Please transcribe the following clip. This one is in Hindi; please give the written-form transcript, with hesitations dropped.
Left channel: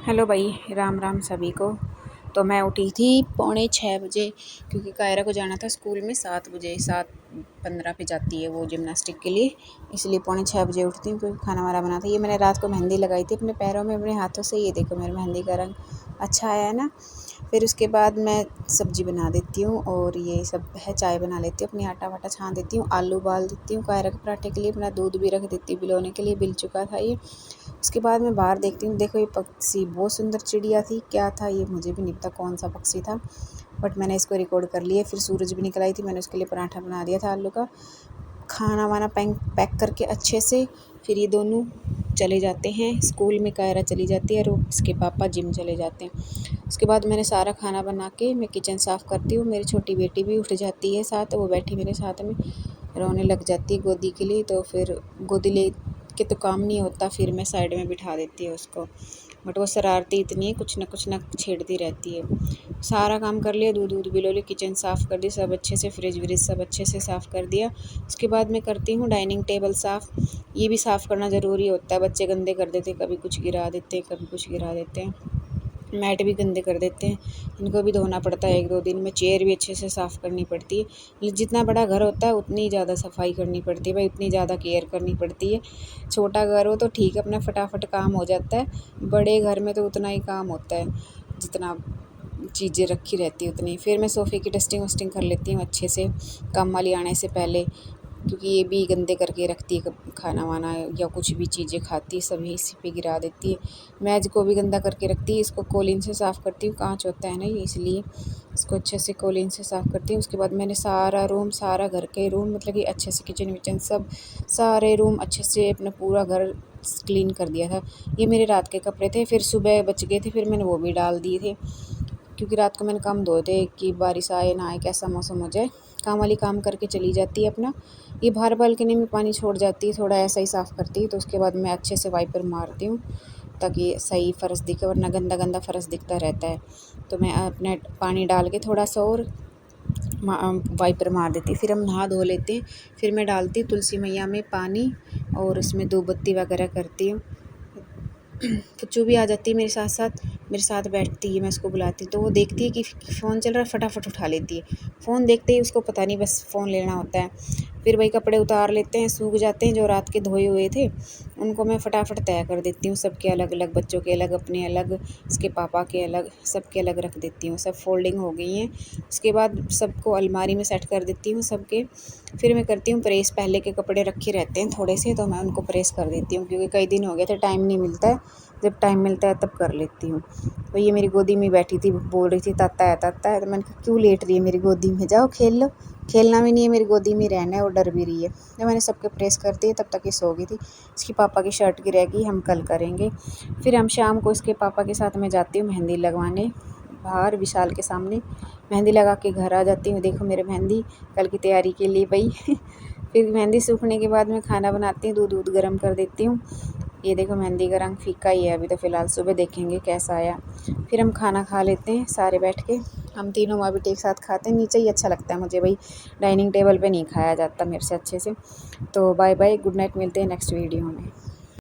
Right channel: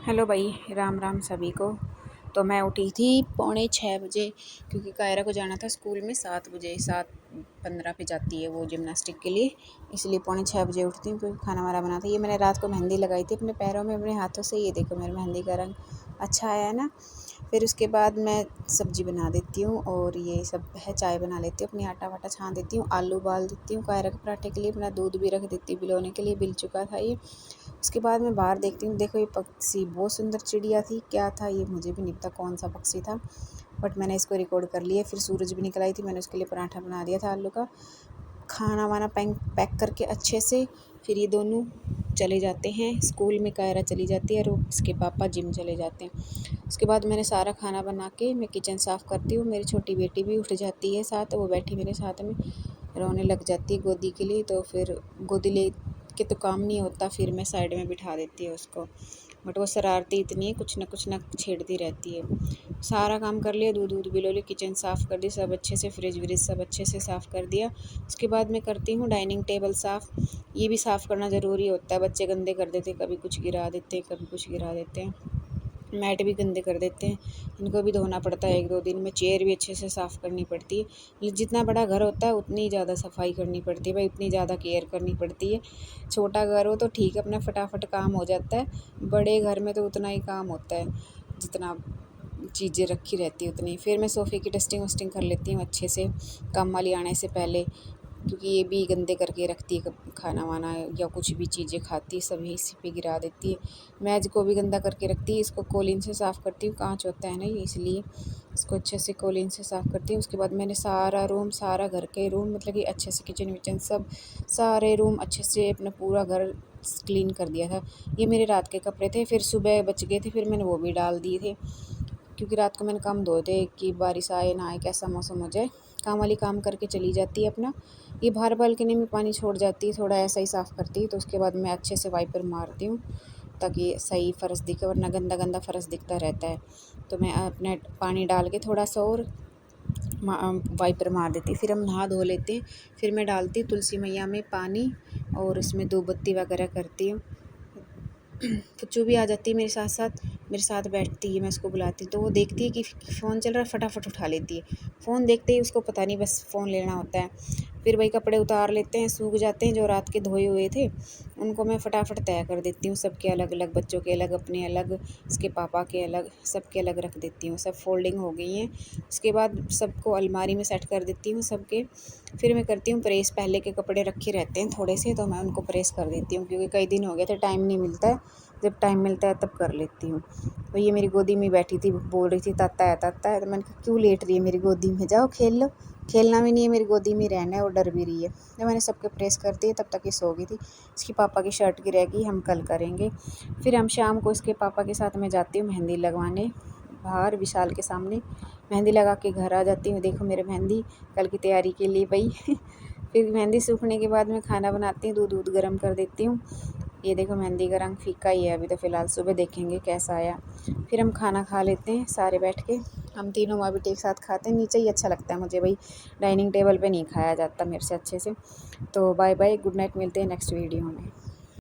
हेलो भाई, राम राम सभी को। तो मैं उठी थी 6:45 बजे, क्योंकि कायरा को जाना था स्कूल में 7 बजे, 7:15 पे जाती है वो जिम्नास्टिक के लिए। इसलिए 6:45 बजे उठती हूँ, क्योंकि खाना वाना बना था। ये मैंने रात को मेहंदी लगाई थी अपने पैरों में, अपने हाथों से। ये देखो मेरी मेहंदी का रंग अच्छा आया है ना। फिर उसके बाद मैं सब्ज़ी बना देती हूँ और ये सब है, चाय बना लेती हूँ, अपनी आटा वाटा छान देती हूँ, आलू उबाल देती हूँ कायरा के पराठे के लिए, अपना दूध भी रख देती हूँ भिगोने के लिए, बिल चुका था ये। उसके बाद मैं बाहर देखती हूँ, देखो ये पक्षी बहुत सुंदर चिड़िया थी। क्या था ये मुझे भी नहीं पता कौन सा पक्षी था, बट मैंने इसको रिकॉर्ड कर लिया। फिर सूरज भी निकल आई थी, मैंने उसके लिए पराठा बना दिया था आलू का। खाना वाना पैक करके अच्छे से फिर ये दोनों चले जाते हैं स्कूल में। कायरा चली जाती है और इसके पापा जिम चले जाते हैं। उसके बाद मैंने सारा खाना बना के मैं किचन साफ़ करती हूँ। मेरी छोटी बेटी भी उठ जाती है साथ, वो बैठी मेरे साथ में रोने लग जाती है गोदी के लिए। तो फिर गोदी ले के तो काम नहीं होता, फिर मैं साइड में बिठा देती हूँ उसको। बट वो शरारती इतनी है, कुछ ना छेड़ती रहती है। सारा काम कर लिया, दूध दूध बिलो लिया, किचन साफ़ कर दी सब अच्छे से, फ्रिज व्रिज सब अच्छे से साफ़ कर दिया। उसके बाद मैं करती हूँ डाइनिंग टेबल साफ़। ये भी साफ़ करना ज़रूरी होता है, बच्चे गंदे कर देते, कभी कुछ गिरा देते हैं, कभी कुछ गिरा देते हैं। मैट भी गंदे कर देते हैं, इनको भी धोना पड़ता है 1-2 दिन में। चेयर भी अच्छे से साफ़ करनी पड़ती है। जितना बड़ा घर होता है उतनी ज़्यादा सफाई करनी पड़ती है भाई, उतनी ज़्यादा केयर करनी पड़ती है। छोटा घर हो तो ठीक है, अपना फटाफट काम हो जाता है। बड़े घर में तो उतना ही काम होता है, जितना चीज़ें रखी रहती है उतनी। फिर मैं सोफ़े की डस्टिंग वस्टिंग कर लेती हूँ अच्छे से, काम वाली आने से पहले, क्योंकि ये भी गंदे करके रखती है। खाना वाना या कुछ भी चीज़ें खाती है सभी इसी पे गिरा देती है। मेज को भी गंदा करके रखती है। इसको कोलिन से साफ़ करती हूँ, कांच होता है ना ये, इसलिए इसको अच्छे से कोलिन से साफ़ करती हूँ। उसके बाद मैंने सारा रूम, सारा घर के रूम, मतलब कि अच्छे से किचन विचन सब सारे रूम अच्छे से अपना पूरा घर क्लीन कर दिया था। ये मेरे रात के कपड़े थे, फिर सुबह बच गए थे, फिर मैंने वो भी डाल दिए थे, क्योंकि रात को मैंने कम धोए थे कि बारिश आए ना आए, कैसा मौसम हो जाए। काम वाली काम करके चली जाती है अपना। ये बाहर बालकनी में पानी छोड़ जाती है, थोड़ा ऐसा ही साफ़ करती है। तो उसके बाद मैं अच्छे से वाइपर मारती हूँ, ताकि सही फ़र्श दिखे, वरना गंदा गंदा फ़र्श दिखता रहता है। तो मैं अपना पानी डाल के थोड़ा सा और वाइपर मार देती, फिर हम नहा धो लेते हैं। फिर मैं डालती तुलसी मैया में पानी और उसमें धूपबत्ती वगैरह करती हूँ। पुच्चू भी आ जाती है मेरे साथ बैठती है, मैं उसको बुलाती हूँ तो वो देखती है कि फ़ोन चल रहा है, फटाफट उठा लेती है। फ़ोन देखते ही उसको पता नहीं, बस फ़ोन लेना होता है। फिर वही कपड़े उतार लेते हैं, सूख जाते हैं जो रात के धोए हुए थे, उनको मैं फटाफट तय कर देती हूँ। सबके अलग अलग, बच्चों के अलग, अपने अलग, इसके पापा के अलग, सबके अलग रख देती हूँ। सब फोल्डिंग हो गई हैं। उसके बाद सबको अलमारी में सेट कर देती हूँ सबके। फिर मैं करती हूँ प्रेस। पहले के कपड़े रखे रहते हैं थोड़े से, तो मैं उनको प्रेस कर देती हूँ, क्योंकि कई दिन हो गए थे, टाइम नहीं मिलता है। जब टाइम मिलता है तब कर लेती हूँ। तो ये मेरी गोदी में बैठी थी, बोल रही थी ताता है ताता है। तो मैंने कहा क्यों लेट रही है मेरी गोदी में, जाओ खेल लो। खेलना भी नहीं है, मेरी गोदी में रहना है, और डर भी रही है। तो मैंने सबके प्रेस कर दिए, तब तक ये सो गई थी। इसकी पापा की शर्ट की रहेगी, हम कल करेंगे। फिर हम शाम को इसके पापा के साथ मैं जाती हूँ मेहंदी लगवाने, बाहर विशाल के सामने मेहंदी लगा के घर आ जाती हूँ। देखो मेरे मेहंदी कल की तैयारी के लिए भाई। फिर मेहंदी सूखने के बाद मैं खाना बनाती हूँ, दूध गर्म कर देती हूँ। ये देखो मेहंदी का रंग फीका ही है अभी तो फ़िलहाल, सुबह देखेंगे कैसा आया। फिर हम खाना खा लेते हैं सारे बैठ के। हम तीनों माँ बेटे एक साथ खाते हैं, नीचे ही अच्छा लगता है मुझे भाई, डाइनिंग टेबल पे नहीं खाया जाता मेरे से अच्छे से। तो बाय बाय, गुड नाइट, मिलते हैं नेक्स्ट वीडियो में।